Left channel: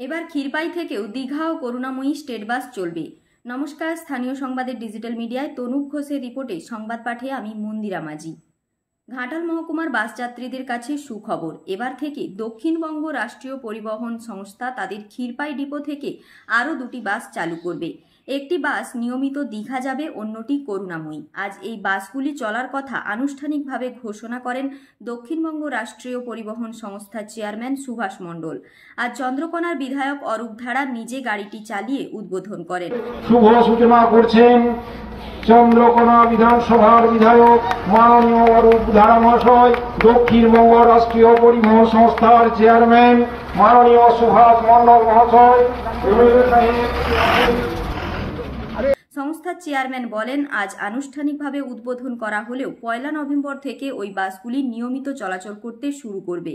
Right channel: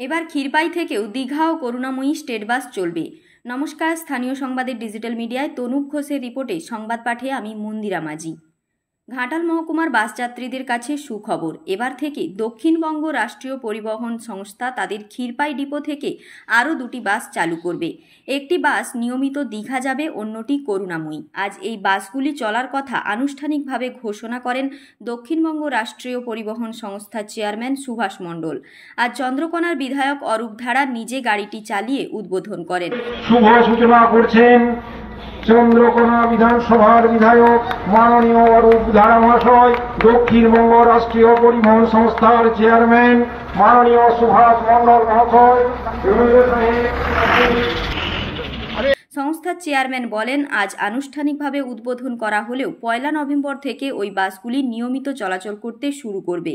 এবার ক্ষীরপাই থেকেও দীঘা ও করুণাময়ী state bus চলবে। নমস্কার, স্থানীয় সংবাদের ডিজিটাল মিডিয়ায় তনুপ ঘোষের রিপোর্টে সংবাদ পাঠে আমি মন্দিরা মাঝি। ঘাটাল মহকুমার বাস যাত্রীদের কাছে সুখবর। এবার থেকে দক্ষিণবঙ্গ রাষ্ট্রীয় পরিবহন সংস্থা তাদের ক্ষীরপাই ডিপো থেকে আরও দুটি বাস চালু করবে। একটি বাস নিয়মিত দীঘা যাবে, অন্যটি করুণাময়ী। আজ এই বাসগুলি চলার কথা আনুষ্ঠানিকভাবে ঘোষণা করেন দক্ষিণবঙ্গ রাষ্ট্রীয় পরিবহন সংস্থার চেয়ারম্যান সুভাষ মণ্ডল। আজ চন্দ্রকোনার বিধায়ক অরূপ ধারা নিজে গাড়িটি চালিয়ে উদ্বোধন করেন। শুভ সূচনা করছেন চন্দ্রকোনা বিধানসভার বিধায়ক মাননীয় অরূপ ধারা মহাশয়, দক্ষিণবঙ্গ রাষ্ট্রীয় পরিবহন সংস্থার চেয়ারম্যান মাননীয় সুভাষ মণ্ডল মহাশয়। সংস্থার চেয়ারম্যান বলেন, আজ আনুষ্ঠানিকভাবে উদ্বোধন করা হলেও 1 নভেম্বর থেকে ওই বাসগুলি নিয়মিত চলাচল করতে শুরু করবে।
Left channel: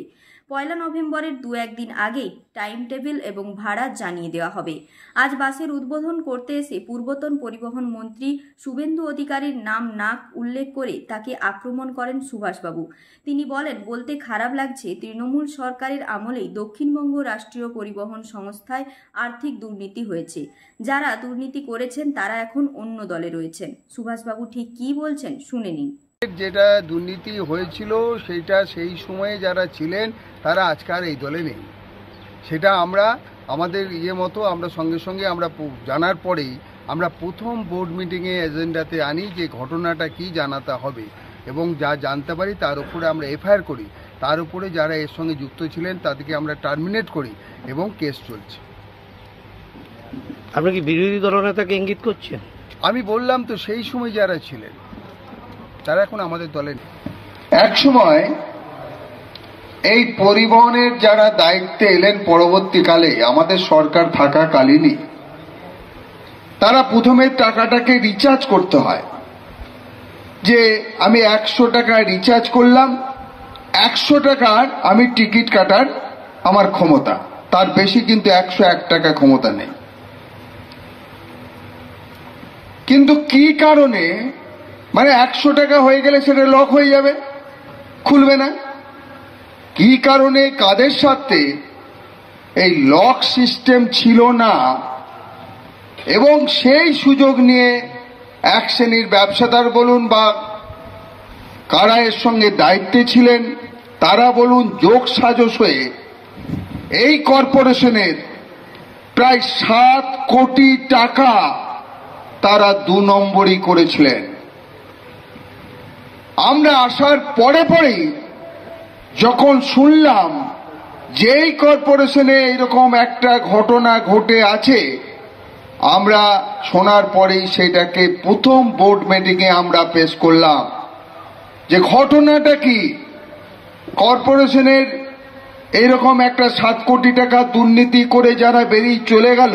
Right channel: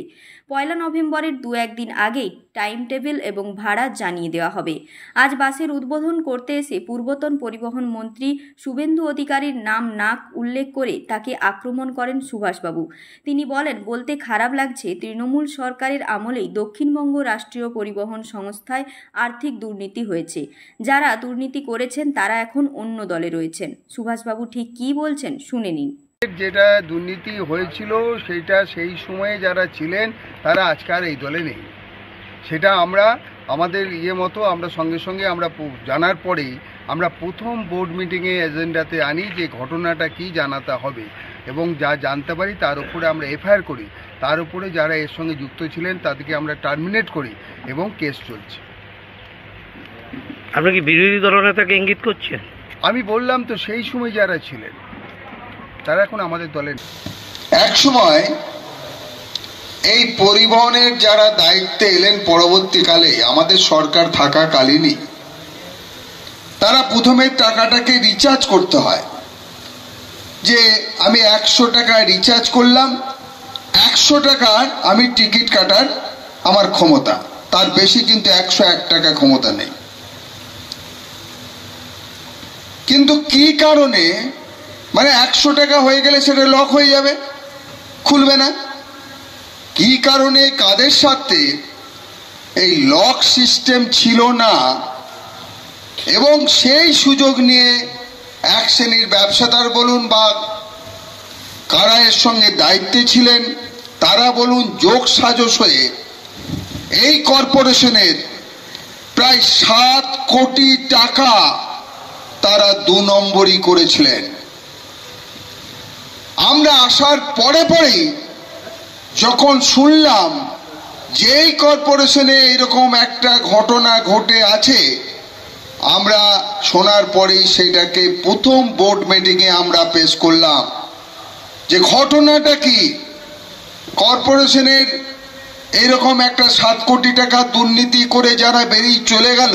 1 নভেম্বরের 2-1 দিন আগেই টাইম টেবিল এবং ভাড়া জানিয়ে দেওয়া হবে। আজ বাসের উদ্বোধন করতে এসে পূর্বতন পরিবহন মন্ত্রী শুভেন্দু অধিকারীর নাম না উল্লেখ করে তাকে আক্রমণ করেন সুভাষবাবু। তিনি বলেন, বলতে খারাপ লাগছে, তৃণমূল সরকারের আমলেই দক্ষিণবঙ্গ রাষ্ট্রীয় পরিবহন সংস্থায় আর্থিক দুর্নীতি হয়েছে। যারা দুর্নীতি করেছেন তারা এখন অন্য দলে রয়েছেন। সুভাষবাবু ঠিক কি বলছেন শুনে নিন। যেটা দুর্নীতি হয়েছিল সেটা সেই সময়ে যারা ছিলেন তারা আজকাল এই দলে নেই। সেটা আমরা আমাদের মতো আমরা সঙ্গে সঙ্গে আমরা জানার পরেই আমরা প্রথম বোর্ড মিটিংয়ে এজেন্ডাতে আনি যে ঘটনাটা কি জানাতে হবে এবং যা জানতে পারি তার উপরে আমরা এফআইআর করি। তার উপরে যারা এর সঙ্গে যুক্ত ছিলেন তাদেরকে আমরা টার্মিনেট করি এবং কেস চলছে। আপনি কি বিরোধী দলনেতাকে ইঙ্গিত করছেন? আমি বললাম তো, সেই সময় যারা ছিলেন তারা এখন আমাদের দলে। এক সময় এই পরিবহনের যারা দায়িত্বে এলেন পরবর্তীকালে আমাদের সরকার থাকাকালীনই, তারা প্রথমে টাকাটাকে রিচার্জ করতে হয়। যে আমি 100 টাকা রিচার্জ করলাম, 100 টাকার আমি টিকিট কাটার আমার ক্ষমতা, তার বেশি কিন্তু 101 টাকা ক্ষমতা নেই। কিন্তু কি কারণে, মানে 100 টাকা হয়ে গেলে সেটা লক হয়ে যাবে, খুলবে না। কি কারণে, কাদের সাথে এই লক সিস্টেম ছিল না এবং সেই সুযোগ নিয়ে এক শ্রেণীর ব্যবসাদার বলুন বা কারা এর সঙ্গে দায়িত্বে ছিলেন তারা বলুন, যোগ সাজস হয়ে এই কর্পোরেশনের প্রায় 7 কোটি টাকা তারা 2 নম্বরই করেছিলেন। আমরা আসার পরেই যখন শুনলাম যে এই কর্পোরেশনে এরকম একটা ঘটনা ঘটে আছে, আমরা শোনার পরেই সেটাকে প্রথম বোর্ড মিটিংয়ে আমরা পেশ করলাম যে ঘটনাটা কি। কর্পোরেশনের এরকম একটা 7 কোটি টাকা দুর্নীতি করে যারা বেরিয়ে চলে গেল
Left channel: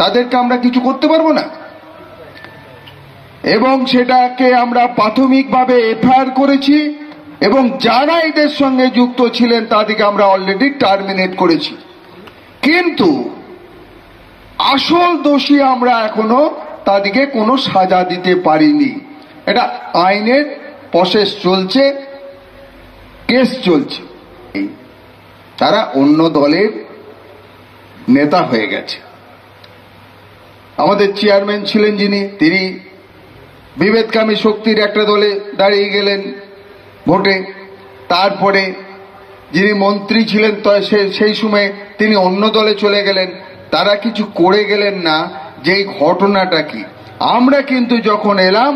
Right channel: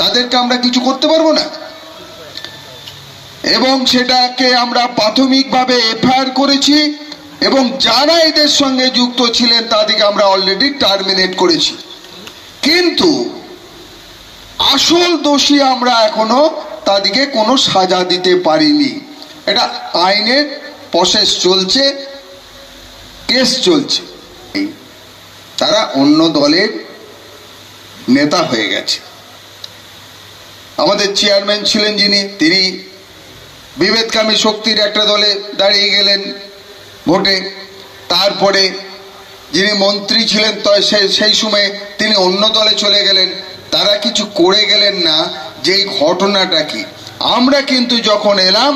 তাদেরকে আমরা কিছু করতে পারবো না, এবং সেটাকে আমরা প্রাথমিকভাবে এফআইআর করেছি এবং যারা এদের সঙ্গে যুক্ত ছিলেন তাদেরকে আমরা অলরেডি টার্মিনেট করেছি। কিন্তু আসল দোষী আমরা এখনো তাদেরকে কোনো সাজা দিতে পারিনি। এটা আইনের প্রসেস চলছে, কেস চলছে। তারা অন্য দলের নেতা হয়ে গেছে। আমাদের চেয়ারম্যান ছিলেন যিনি, তিনি বিভেদকামী শক্তির একটা দলে দাঁড়িয়ে গেলেন ভোটে। তারপরে যিনি মন্ত্রী ছিলেন সেই সময় তিনি অন্য দলে চলে গেলেন। তারা কিছু করে গেলেন না যে ঘটনাটা কি। আমরা কিন্তু যখন এলাম